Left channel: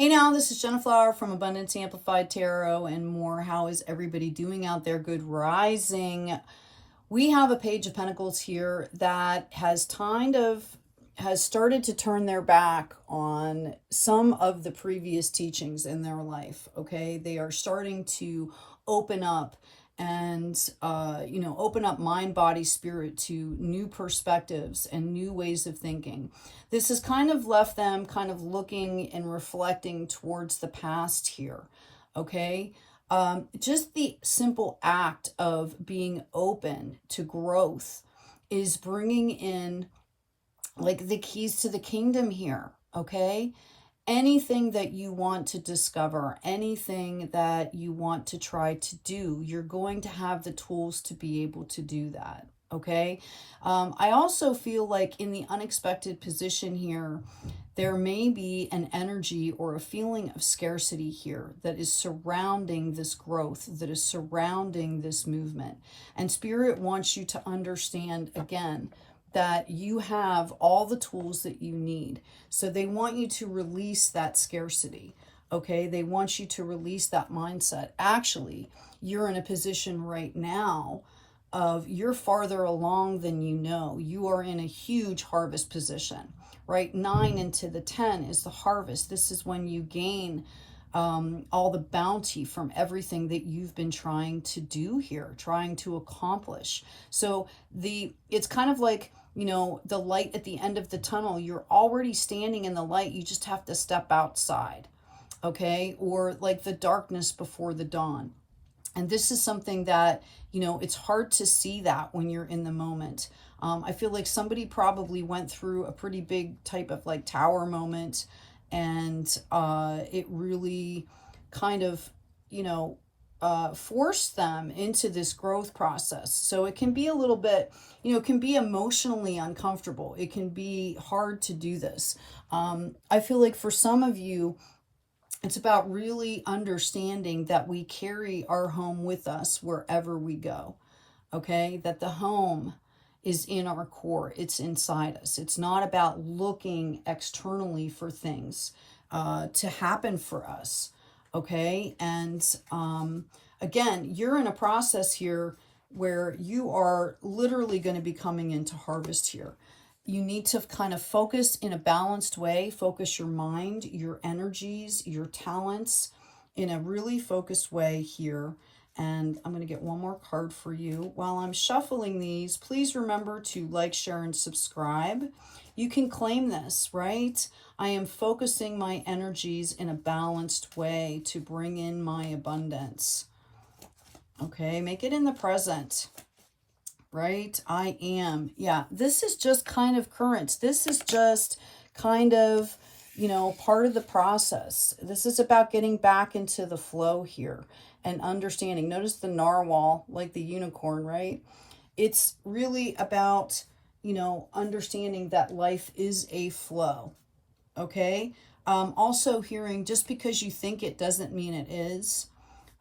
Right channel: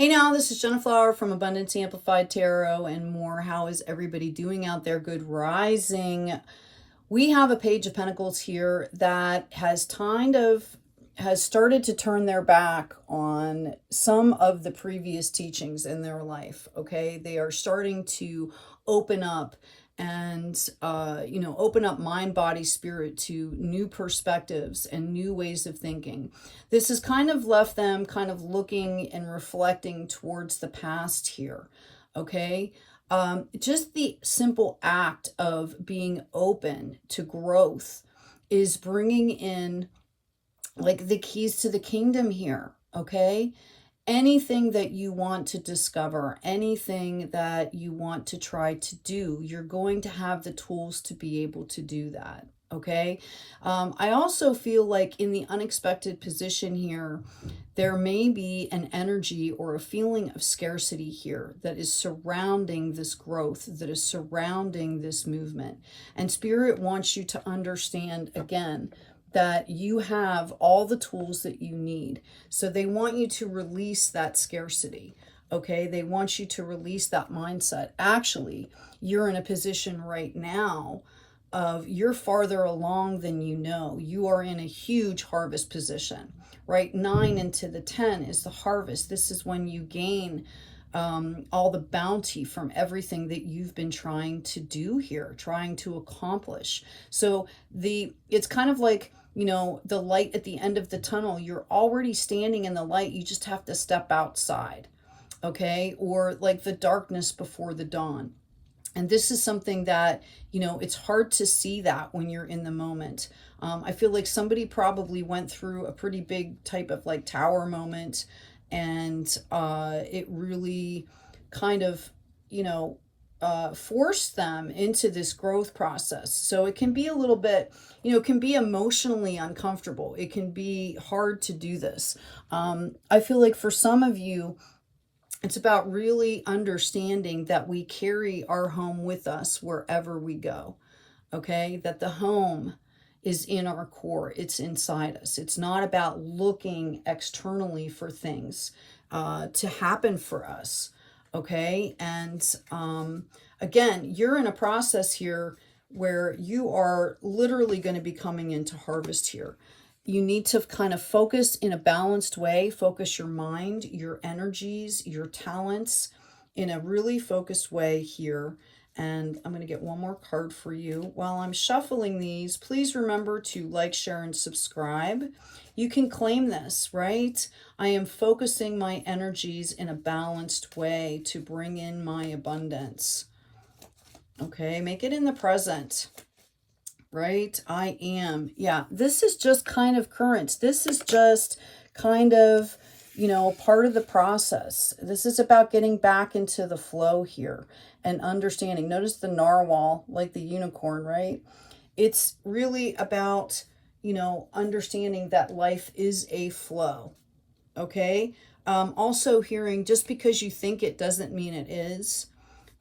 Hey now, this is Jenna Flower from Abundance Amplified Tarot and more. How is everybody doing out there? Good rising. We have a Page of Pentacles here that has started to turn their back on some of the previous teachings in their life. Okay, they are starting to open up and open up mind, body, spirit to new perspectives and new ways of thinking. This has kind of left them kind of looking and reflecting towards the past here. Okay, just the simple act of being open to growth is bringing in like the keys to the kingdom here. Okay, anything that you want to discover, anything that you want to try to do, you're going to have the tools to be able to do that. Okay. I also feel like in the unexpected position here, there may be an energy or a feeling of scarcity here that is surrounding this growth, that is surrounding this movement. And Spirit wants you to understand again that you have all the tools that you need. So they want you to release that scarcity. Okay, they want you to release that mindset. Actually, you're in a position right now of you're farther along than you know. You are in a huge harvest position, right? 9 into the 10 is the harvest. This is when you gain all the bounty from everything that you've been trying to do here, trying to accomplish. So it's kind of like, the light at the end of the tunnel. You're already standing in the light. You just have to step outside. Okay. Or like the darkness before the dawn. And this is something that, it's hard to see that when you're in the moment. I feel like somebody probably went through a pretty big type of like tower moment, and it really kind of, forced them into this growth process. So it can be a little bit, it can be emotionally uncomfortable. It can be hard to do this. I feel like for some of you, it's about really understanding that we carry our home with us wherever we go. Okay, that the home is in our core. It's inside us. It's not about looking externally for things to happen for us. Okay, and again, you're in a process here where you are literally going to be coming into harvest here. You need to kind of focus in a balanced way, focus your mind, your energies, your talents in a really focused way here. And I'm going to get one more card for you. While I'm shuffling these, please remember to like, share, and subscribe. You can claim this, right? I am focusing my energies in a balanced way to bring in my abundance. Okay, make it in the present. Right? I am. Yeah, this is just kind of currents. This is just kind of, part of the process. This is about getting back into the flow here and understanding. Notice the narwhal, like the unicorn, right? It's really about, understanding that life is a flow. Okay? Also hearing just because you think it doesn't mean it is.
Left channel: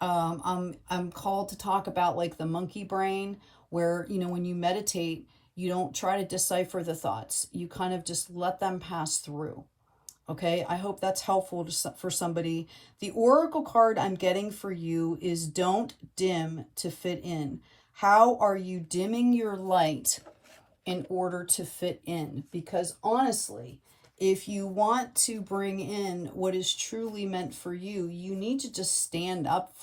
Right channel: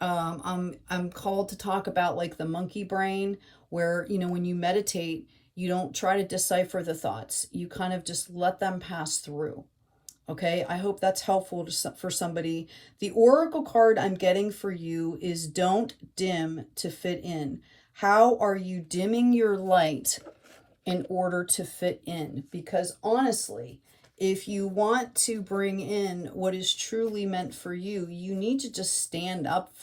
I'm called to talk about like the monkey brain, where, when you meditate, you don't try to decipher the thoughts. You kind of just let them pass through. Okay, I hope that's helpful for somebody. The oracle card I'm getting for you is don't dim to fit in. How are you dimming your light in order to fit in? Because honestly, if you want to bring in what is truly meant for you, you need to just stand up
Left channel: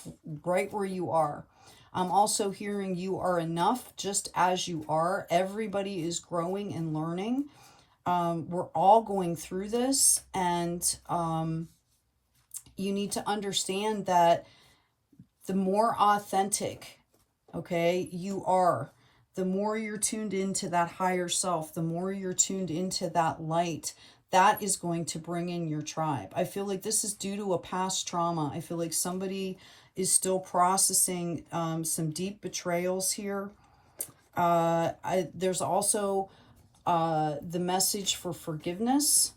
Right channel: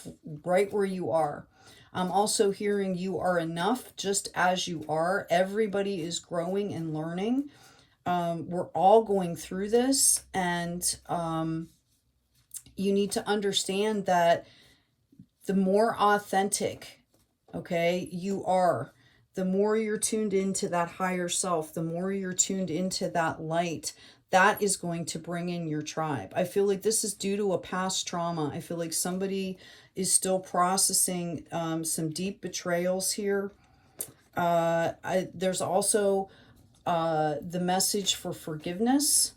right where you are. I'm also hearing you are enough just as you are. Everybody is growing and learning. We're all going through this, and you need to understand that the more authentic, okay, you are, the more you're tuned into that higher self, the more you're tuned into that light, that is going to bring in your tribe. I feel like this is due to a past trauma. I feel like somebody is still processing some deep betrayals here. There's also the message for forgiveness.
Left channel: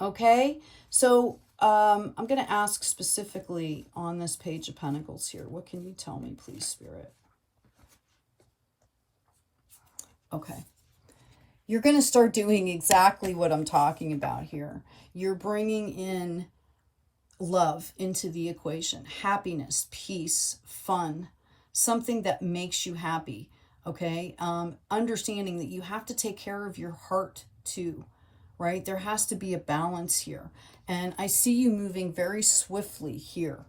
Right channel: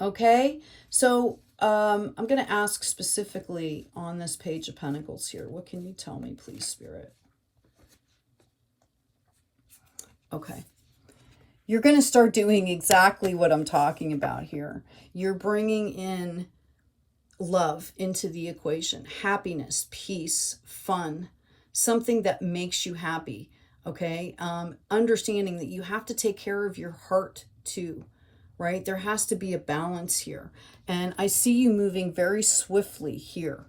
Okay, so I'm going to ask specifically on this Page of Pentacles here. What can you tell me, please, Spirit? Okay. you're going to start doing exactly what I'm talking about here. You're bringing in love into the equation, happiness, peace, fun, something that makes you happy. Okay. Understanding that you have to take care of your heart too, right? There has to be a balance here. And I see you moving very swiftly here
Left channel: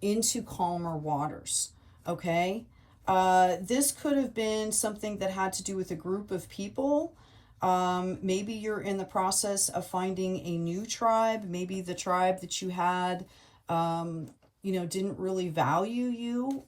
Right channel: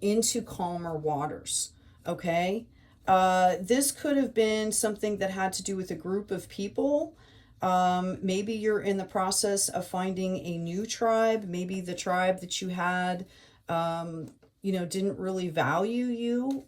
into calmer waters. Okay. This could have been something that had to do with a group of people. Maybe you're in the process of finding a new tribe. Maybe the tribe that you had, didn't really value you.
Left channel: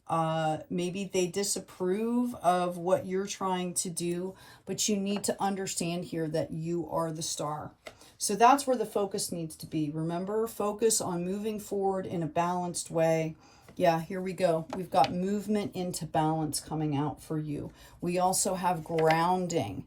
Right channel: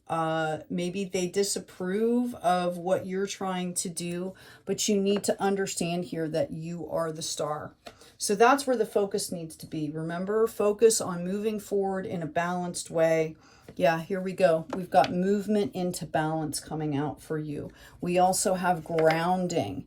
Maybe they disapprove of what you're trying to do, but you need to understand here that you are the star. So that's where the focus needs to be. Remember, focus on moving forward in a balanced way. Yeah, here we go. We've got movement into balance coming out for you. We also have grounding,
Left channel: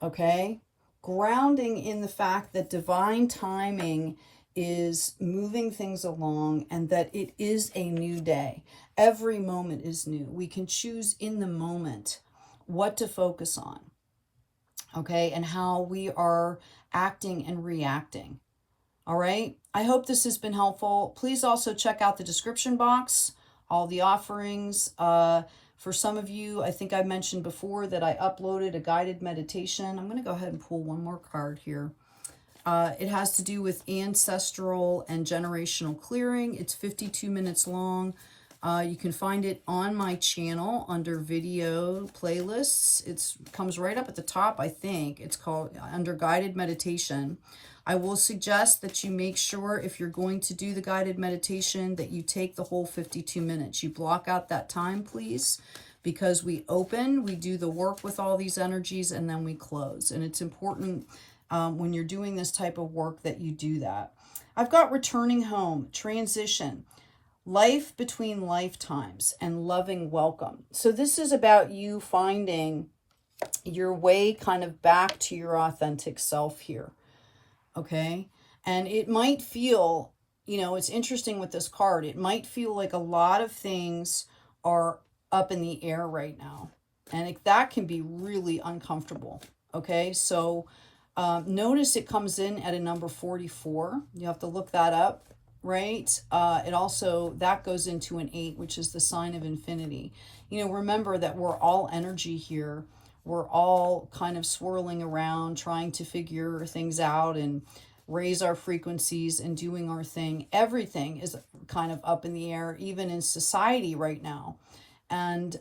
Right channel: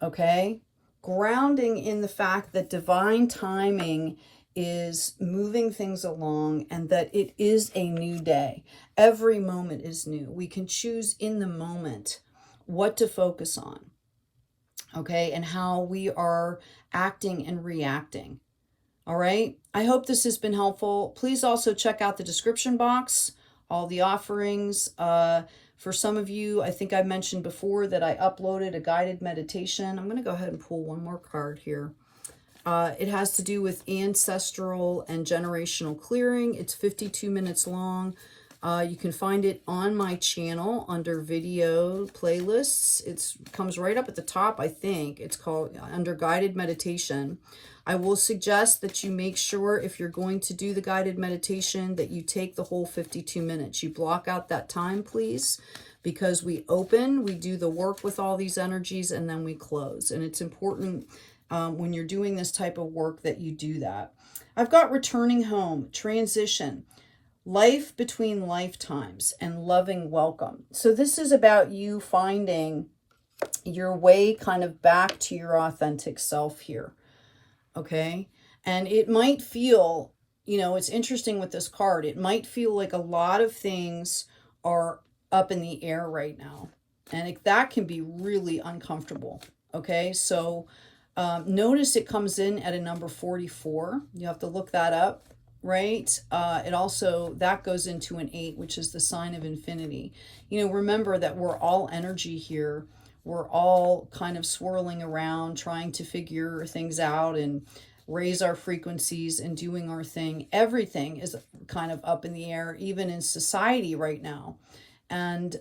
okay? Grounding in the fact that divine timing is moving things along and that it is a new day. Every moment is new. We can choose in the moment what to focus on, okay, and how we are acting and reacting. All right. I hope this has been helpful. Please also check out the description box, all the offerings. For some of you, I think I mentioned before that I uploaded a guided meditation. I'm going to go ahead and pull one more card here. It has to do with ancestral and generational clearing. It's 52 minutes long. You can find it on my channel under video playlists. It comes right up at the top, I think. It's called under guided meditation. I will suggest that you make sure if you're going to do the guided meditation that you take the whole 52 minutes. You block out that time, please, because we open, we do the work with all these energies, and then we close. And it's important when you're doing this type of work that you do that. I've got returning home, transition, life between lifetimes, and loving welcome. So this is about you finding your way kind of back to your authentic self here. Okay. And it might feel, it's interesting with this card. It might feel like a lot of things are up in the air right now. And that can be really uncomfortable. Okay. So notice it comes in at a number 44. You have to look that up, right? It also, that goes into an 8, which is the sign of infinity. Remember that we're all energy here. We're all kind of swirling around, trying to figure things out and raise our frequencies and doing our thing. Everything is kind of up in the air, even in society right now. And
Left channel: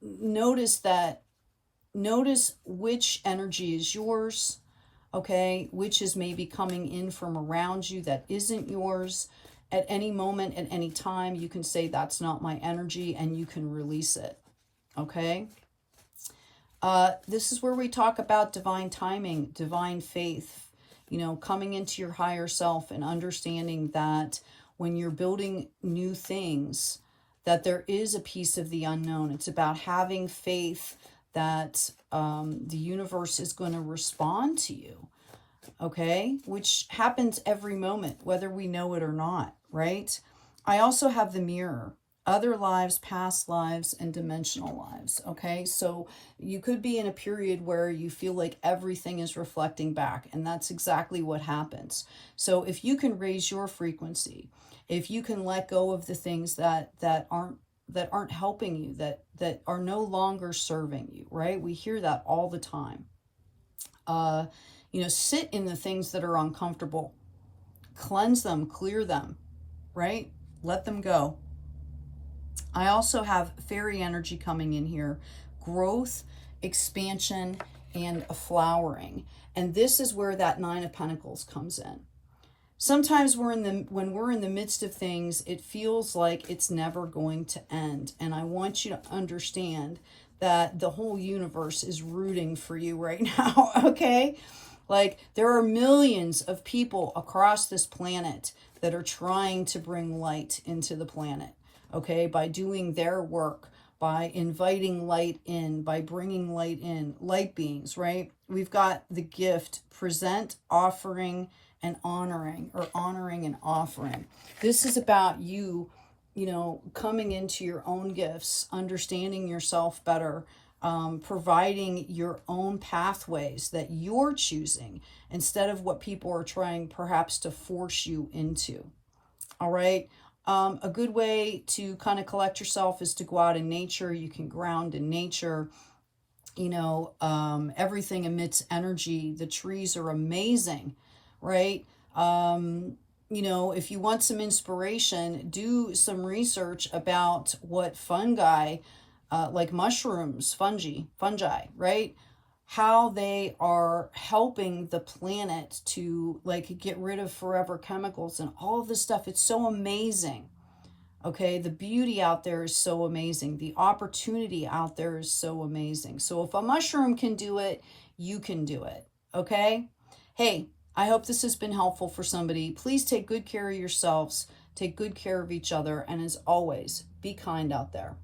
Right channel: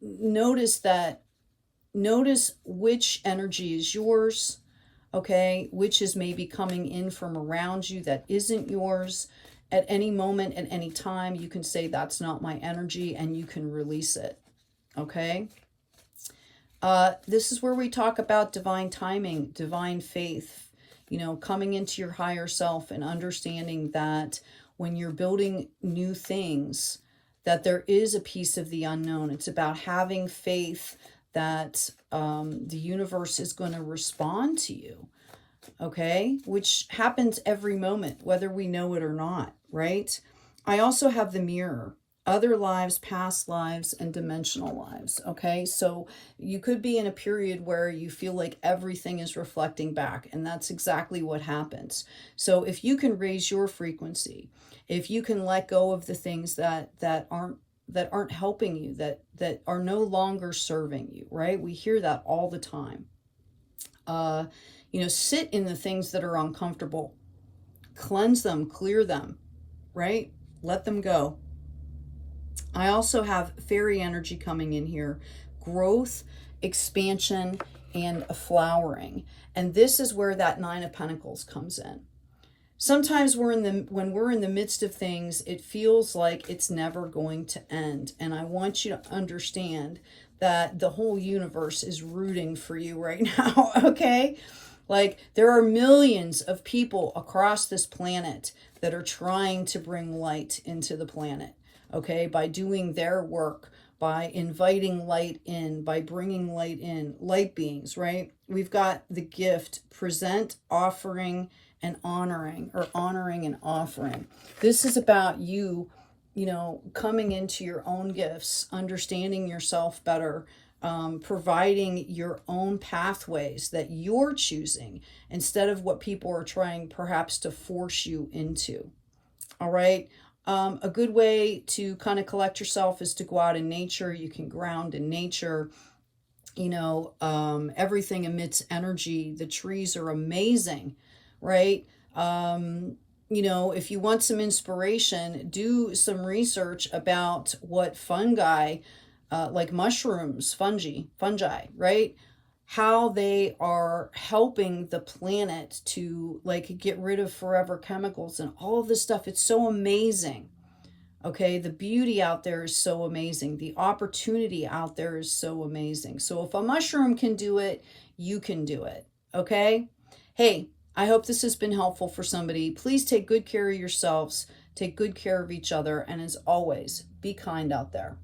notice which energy is yours, okay? Which is maybe coming in from around you that isn't yours. At any moment, at any time, you can say, that's not my energy, and you can release it, okay? This is where we talk about divine timing, divine faith, coming into your higher self and understanding that when you're building new things, that there is a piece of the unknown. It's about having faith that the universe is going to respond to you, okay? Which happens every moment, whether we know it or not, right? I also have the mirror. Other lives, past lives, and dimensional lives, okay? So you could be in a period where you feel like everything is reflecting back, and that's exactly what happens. So if you can raise your frequency, if you can let go of the things that aren't helping you, that are no longer serving you, right? We hear that all the time. Sit in the things that are uncomfortable. Cleanse them, clear them, right? Let them go. I also have fairy energy coming in here, growth, expansion, and a flowering. And this is where that 9 of Pentacles comes in. Sometimes when we're in the midst of things, it feels like it's never going to end. And I want you to understand that the whole universe is rooting for you right now, okay? Like, there are millions of people across this planet that are trying to bring light into the planet. Okay, by doing their work, by inviting light in, by bringing light in, light beings, right? We've got the gift, present, offering, and honoring, or honoring and offering. This is about you, coming into your own gifts, understanding yourself better, providing your own pathways that you're choosing instead of what people are trying perhaps to force you into. All right. A good way to kind of collect yourself is to go out in nature. You can ground in nature. You know, everything emits energy. The trees are amazing, right? You know, if you want some inspiration, do some research about what fungi, like mushrooms, fungi, right? How they are helping the planet to like get rid of forever chemicals and all of this stuff. It's so amazing. Okay, the beauty out there is so amazing. The opportunity out there is so amazing. So if a mushroom can do it, you can do it. Okay? Hey, I hope this has been helpful for somebody. Please take good care of yourselves, take good care of each other, and as always, be kind out there.